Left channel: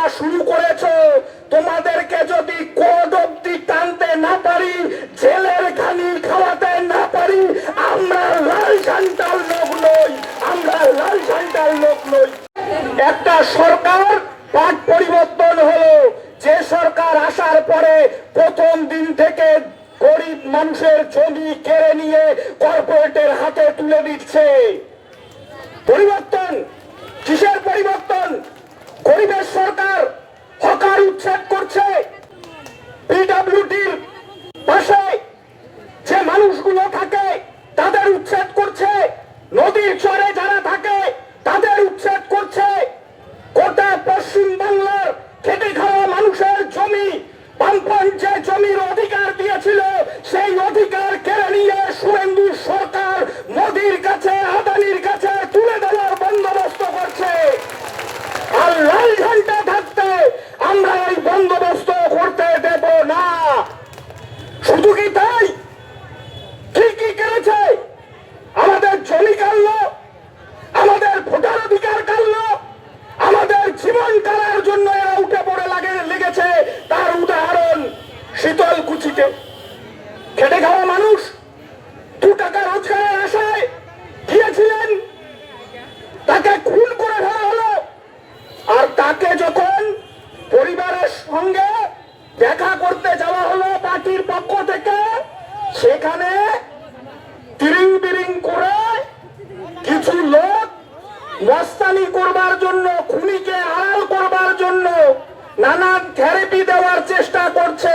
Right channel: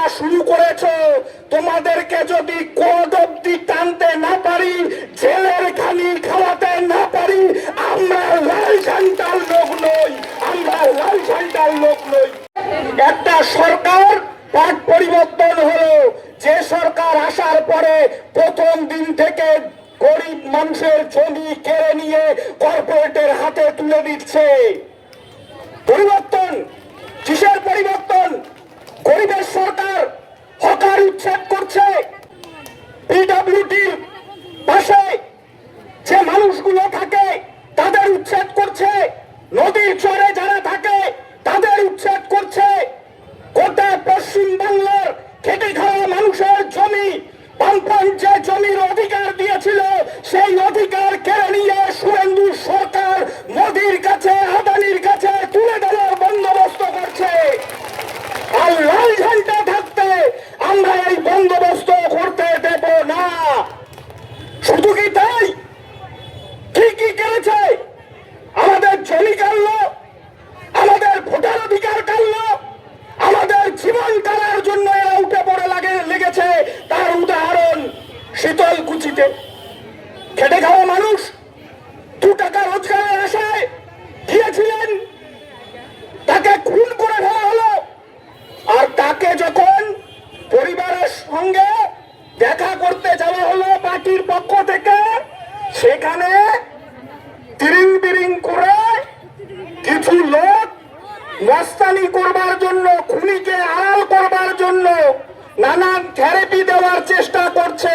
প্রক্রিয়া শুরু করেছো, তোমাদেরকে যদি কোর্ট অব্দি টানতে না পারি, জেলের ঘানি খাওয়াতে না পারি, আমরা লাল ঝান্ডার লোক নই, আমরা লাল ঝান্ডার লোক নই। একটা সরকার পাট পরিবর্তন হলো, যে সরকার আসার পরে প্রথম দিন থেকে গরিব মানুষের জমি কেড়ে নিয়ে কর্পোরেটের হাতে তুলে দিচ্ছে। পরিবর্তন কিসের পরিবর্তন? গরিবের সরকার হকার উচ্ছেদ করছে, পিডব্লিউডির পাশে যে মানুষগুলো থাকে তাদের উচ্ছেদ করছে, নদীর চরে যারা থাকে তাদের উচ্ছেদ করছে। গোটা পশ্চিম বাংলার খেটে খাওয়া মানুষের জমি, বামফ্রন্ট যে জমির অধিকার দিয়েছিল সেই অধিকার কেড়ে নিয়ে শুভেন্দু সরকার মোদির কাছে, আদানির কাছে তুলে দেওয়ার বন্দোবস্ত করছে। আর লাল ঝান্ডা থাকতে আমরা এই বন্দোবস্ত করতে দেব না। শুধু কি তাই? কি কি করেছে? আমাদের জমি কাটলো, আমাদের ভোটার অধিকার কাটলো, আমাদের জীবন কাটার জন্য এরা উঠে পড়ে লেগেছে। তার উদাহরণ শীতলকুচিতে খেটে খাওয়া মানুষ 2 টাকা রোজগারের আশায় গিয়েছিলেন, তাকে খুন করে ফেলা হলো। আর তাকে যখন পরিবারের সঙ্গে দেখা করতে যাওয়া হলো পার্টির পক্ষ থেকে, সেখানে তিরিং বিরিং করে কিছু লোক মস্তানি করবার জন্য, খুনিকে আড়াল করবার জন্য নানান থেরাপি দেওয়ার চেষ্টা করছে।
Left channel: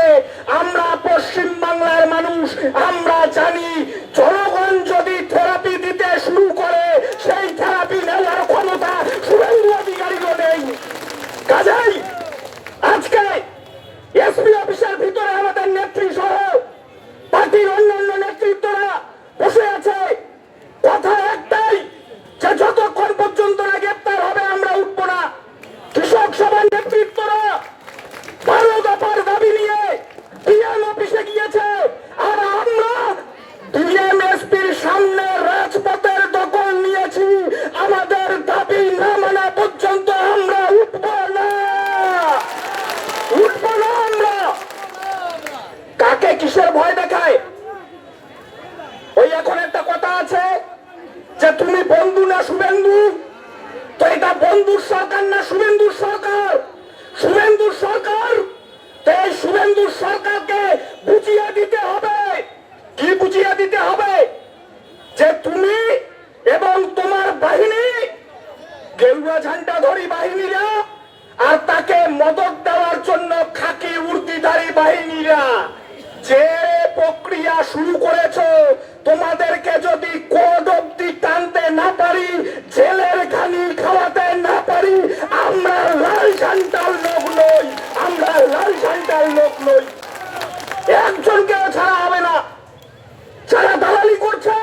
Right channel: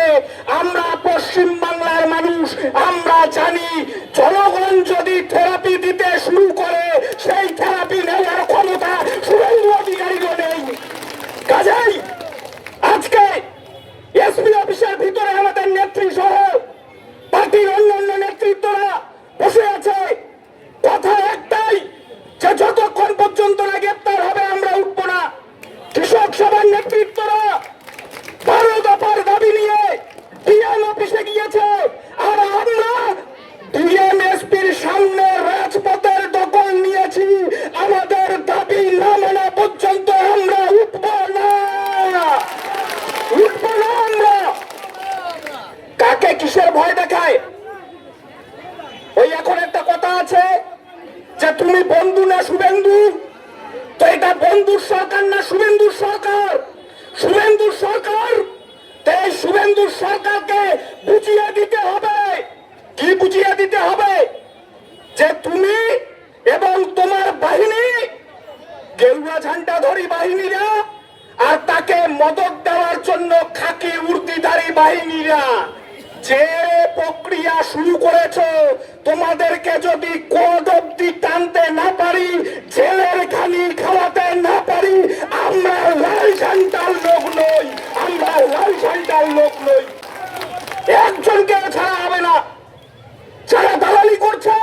আমরা পশ্চিম বাংলার মানুষ, আমরা জানি জনগণ যদি থেরাপি দিতে শুরু করে সেই থেরাপি নেওয়ার ক্ষমতা শুভেন্দু অধিকারীরও নেই। কাজেই আজকে এসপি অফিসের ভিতরে আমাদের নেত্রী সহ পার্টির অন্যান্য নেতৃত্বরা বসে আছে। কথা একটাই, যে যতক্ষণ পর্যন্ত না গ্রেপ্তার হবে আমরা উঠবো না। কৃষক সভার নেতৃত্বরা 12 দফার দাবি নিয়ে ডিএম অফিসে গিয়েছে, আর আমরা ডিএমএসপির সামনে রাজপথের দখল নিয়েছি। আমাদের দাবি না মানা পর্যন্ত আমরা উঠবো না, উঠবো না। আমরা কাকে কিসের ভয় দেখায়? ওই এখন একটা কথা আছে যে তুমি বন্ধু না শুভেন্দু, তো এটা বন্ধুর সরকার না শুভেন্দুর সরকার? শুভেন্দুর সরকার। এই শুভেন্দুর সরকারকে বুঝিয়ে দিতে হবে। কি বুঝিয়ে দিতে হবে? যে তুমি এবং তোমার বাহিনী, গেরুয়া ঝান্ডাধারী বাহিনীরা, আর তাকে মদত দেওয়ার জন্য খাকি উর্দিধারী বাহিনীরা যে প্রক্রিয়া শুরু করেছো, তোমাদেরকে যদি কোর্ট অব্দি টানতে না পারি, জেলের ঘানি খাওয়াতে না পারি, আমরা লাল ঝান্ডার লোক নই, আমরা লাল ঝান্ডার লোক নই। একজনকে ছাড়া হবে না। যারা দালালি করছে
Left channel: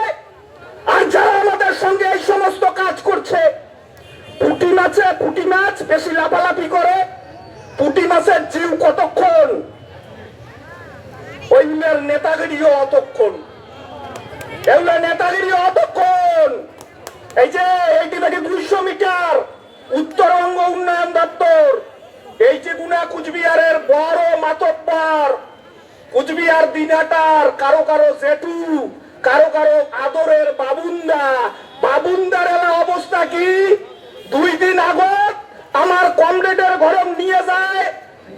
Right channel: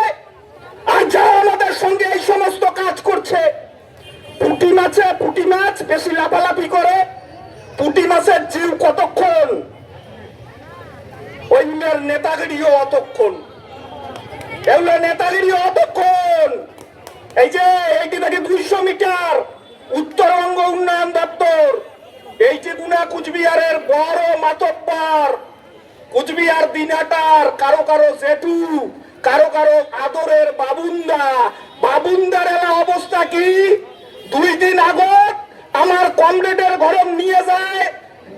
আর যারা আমাদের সঙ্গে এই সমস্ত কাজ করছে, পুঁটি মাছ বেশি লাফালাফি করে, পুঁটি মাছের জীব কতক্ষণ, ওই নেতাগিরিও অতক্ষণ, এগুলো নেতাগিরিও অতক্ষণ। এই যে এইটি থেকে 200 মিটার উত্তরবঙ্গ উন্নয়ন দপ্তর, এই যে গুনা কুচবিহারের বড় মাতব্বর, কুচবিহার দিনাটার কারো কারো জেঠু, কারো কারো আদরের বাবুন্দার অবস্থা কি? 2 দিন আগত আমার কমরেডের ঘরে নিয়ে যায়,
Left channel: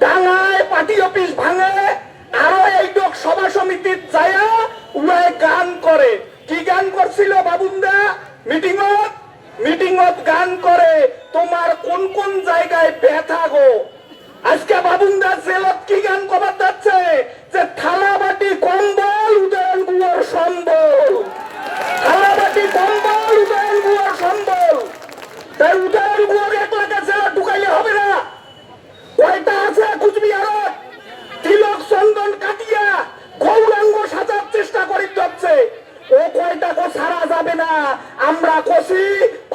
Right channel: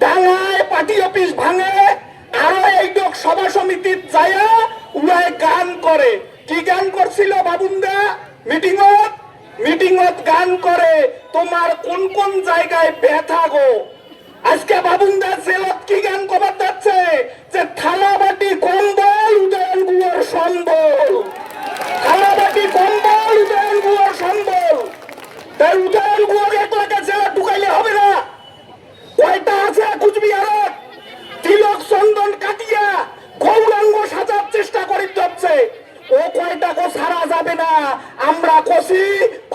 ডাঙায় পার্টি অফিস ভাঙে, আরো এই লোক সভা সমিতির যায় উড়ায় গান করে। কি গান করছিল বাবুন্দা? মিটিংত গান করে, তোমার কোন কোন জায়গায় ব্যথা গো। আজকে বাবুন্দা জেলত কি গান কবার যাচ্ছে? যে থালা বাটি কম্বল উদয়ন গুয়ার সম্বল, থালা বাটি কম্বল উদয়ন গুয়ার সম্বল। তাই উদয়ন গুয়ার একলাকে জেলা ঢুকাইলে হবে না। কয়টা আছে কুচবিহার? তিলক চন্দন কাটিয়া গৌরাঙ্গ সাজার চেষ্টা করে যাচ্ছে, ও কয়টাকে ছাড়া যাবে না। আমরা কষি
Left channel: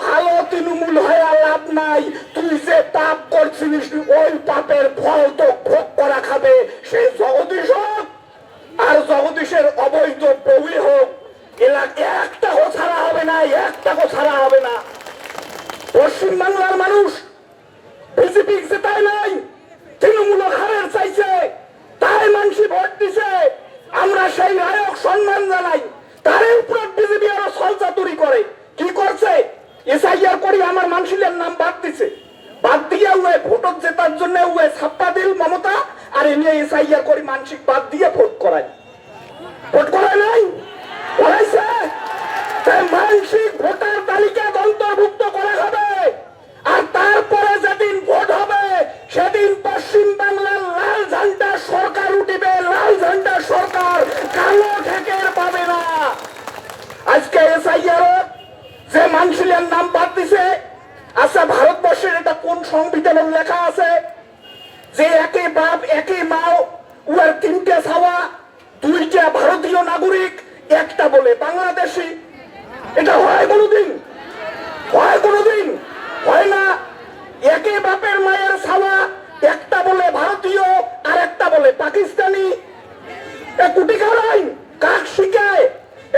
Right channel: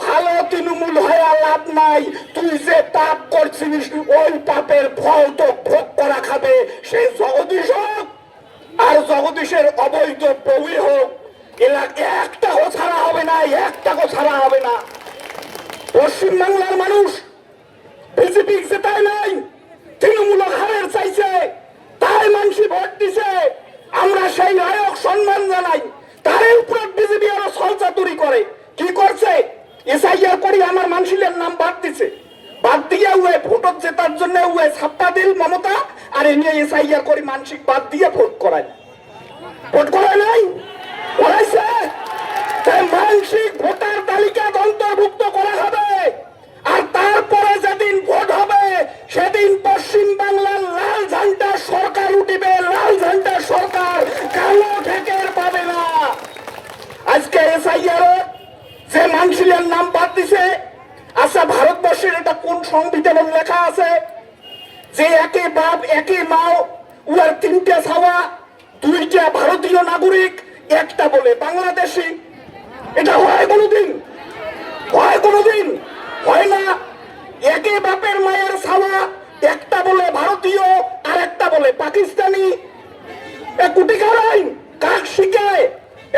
ভালো তৃণমূল হয়ে লাভ নাই, তুই যে পাপ করছিস ওই পাপের ফল তো ভোগ করা খাবে সেই জগদীশ হোক আর জগদীশের অবৈধ বউই হোক। এলাকা একটাও ছাড়া হবে না, একটাও ছাড়া হবে না। পশ্চিম বাংলার মানুষ বিজেপি জেতায় নাই, তৃণমূল হারের চাইছে, তাই মানুষ ভোট দিছে। আমরা সেই নায়ক সম্মান জানাই, তার উপর বিজেপি আরো সলচাতুরি করে। কি করছে? এসআইআর করি আমার মানুষের নাম বাদ দিছে, বাদ দিয়ে উয়ে ভোটত জেতার জন্য উয়ে ছাপ্পা দিল মমতা, আর এ নিয়ে এসআইআর করি মানসিক বাদ দিয়ে ভোট করায়। ভোট করায় নাই, করাইছে। তাই মানসিক ভোটার তালিকা অন্তর্ভুক্ত করা হবে, আর তারপরে যেদিন ভোট হবে সেদিন পশ্চিম বাংলার লাল ঝান্ডা সরকার উঠিবে। লাল ঝান্ডা সরকার কালো ঠেকের পাবে না। আজকে এসআইআর যে মানুষের নাম বাদ দিছে, আচ্ছা ভারতবর্ষের এটা কোন সংবিধানে লেখা আছে যে একে বাপ একে মাও, উয়ার তিনটে ছাওয়া, দুইটা ভারতীয় নাগরিক, একটা বলে বাংলাদেশি? এটা হয় কোনোদিন? হয় কোনোদিন? হয় না। একে বাপের মায়ের ছাওয়া, একটা বলে ভারতীয় আর একটা বলে পাকিস্তানি। কুটি কারাই কাক শিখায়?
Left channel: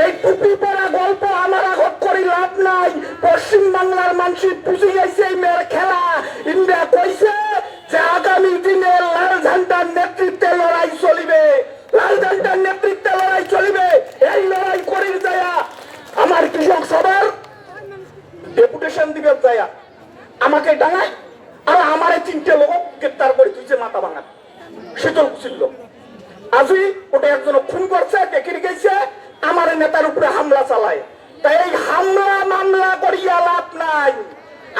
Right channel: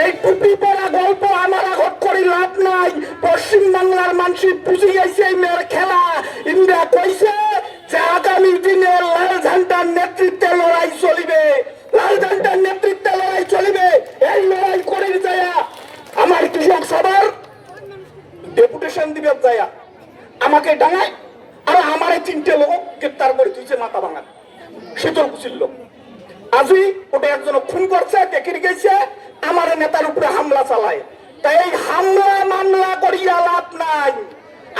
এই টুপি পরা গল্প আমার আগত করি লাভ নাই। পশ্চিম বাংলার মানুষ বুঝে গেছে এই মেয়ের খেলা। ইন্ডিয়া কইছে যে আগামী দিনে লাল ঝান্ডার নেতৃত্বে লড়াই চলিবে, লাল ঝান্ডার নেতৃত্বে লড়াই চলিবে। এই লড়াই করে যায় আমার কৃষক সবার ডেপুটেশন দিবে যায় আমাকে ডাঙায়, আর আমারে তিনটে লোক গ্রেপ্তার করে তুইছে মাথা ভাঙা শীতল কুচিল। আজি ওটা একজন খুন করছে, দেখে গেছে আমার নেতার উপরে হামলা চালায়। তাই এই হামলা মামলা করিয়া লাভ নাই।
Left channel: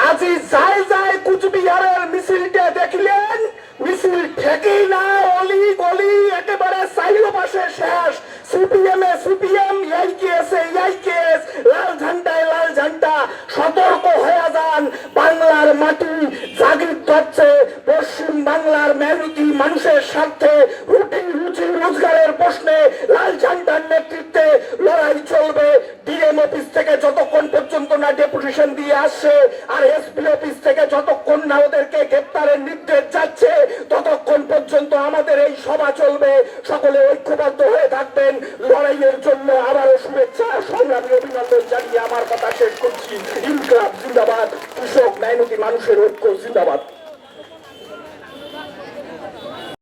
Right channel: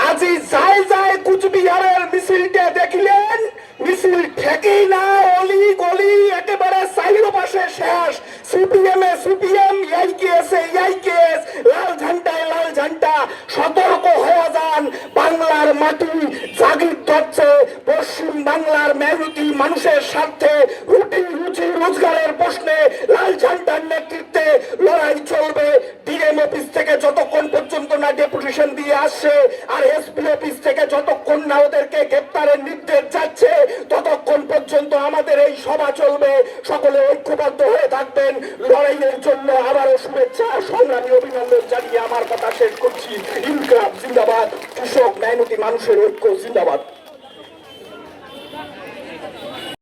আজি যাই যাই কুচবিহারের মিছিলটা দেখিলেন, মিছিল ঠেকেই না, অলি গলি একেবারে চাইরো পাশে শেষ। সিপিএম এ সিপিএম, এই কেস এই কেস, লাল ঝান্ডায় লাল ঝান্ডা। সতর্ক হয়ে যান, বাংলার মাটি জাগির ধরছে। পশ্চিম বাংলার মেহনতি মানুষের স্বার্থে, রুটি রুচি রোজগারের প্রশ্নে লাল ঝান্ডার নেতৃত্বে লড়াই চলবে। ডিএম অফিস থেকে যতক্ষণ পর্যন্ত না ডেপুটেশন দিয়ে আসছে, আর এসপি অফিস থেকে যতক্ষণ না ওদেরকে গ্রেপ্তারের নির্দেশ যাচ্ছে, ততক্ষণ পর্যন্ত আমাদের এই সভা চলবে। সকলে ঐক্যবদ্ধ হয়ে থাকবেন লড়াইয়ের জন্য। আবারও শুভেচ্ছা, সংগ্রামী অভিনন্দন জানিয়ে আমার কথা শেষ করছি। ইনকলাব জিন্দাবাদ, কৃষক মেহনতি মানুষের ঐক্য জিন্দাবাদ।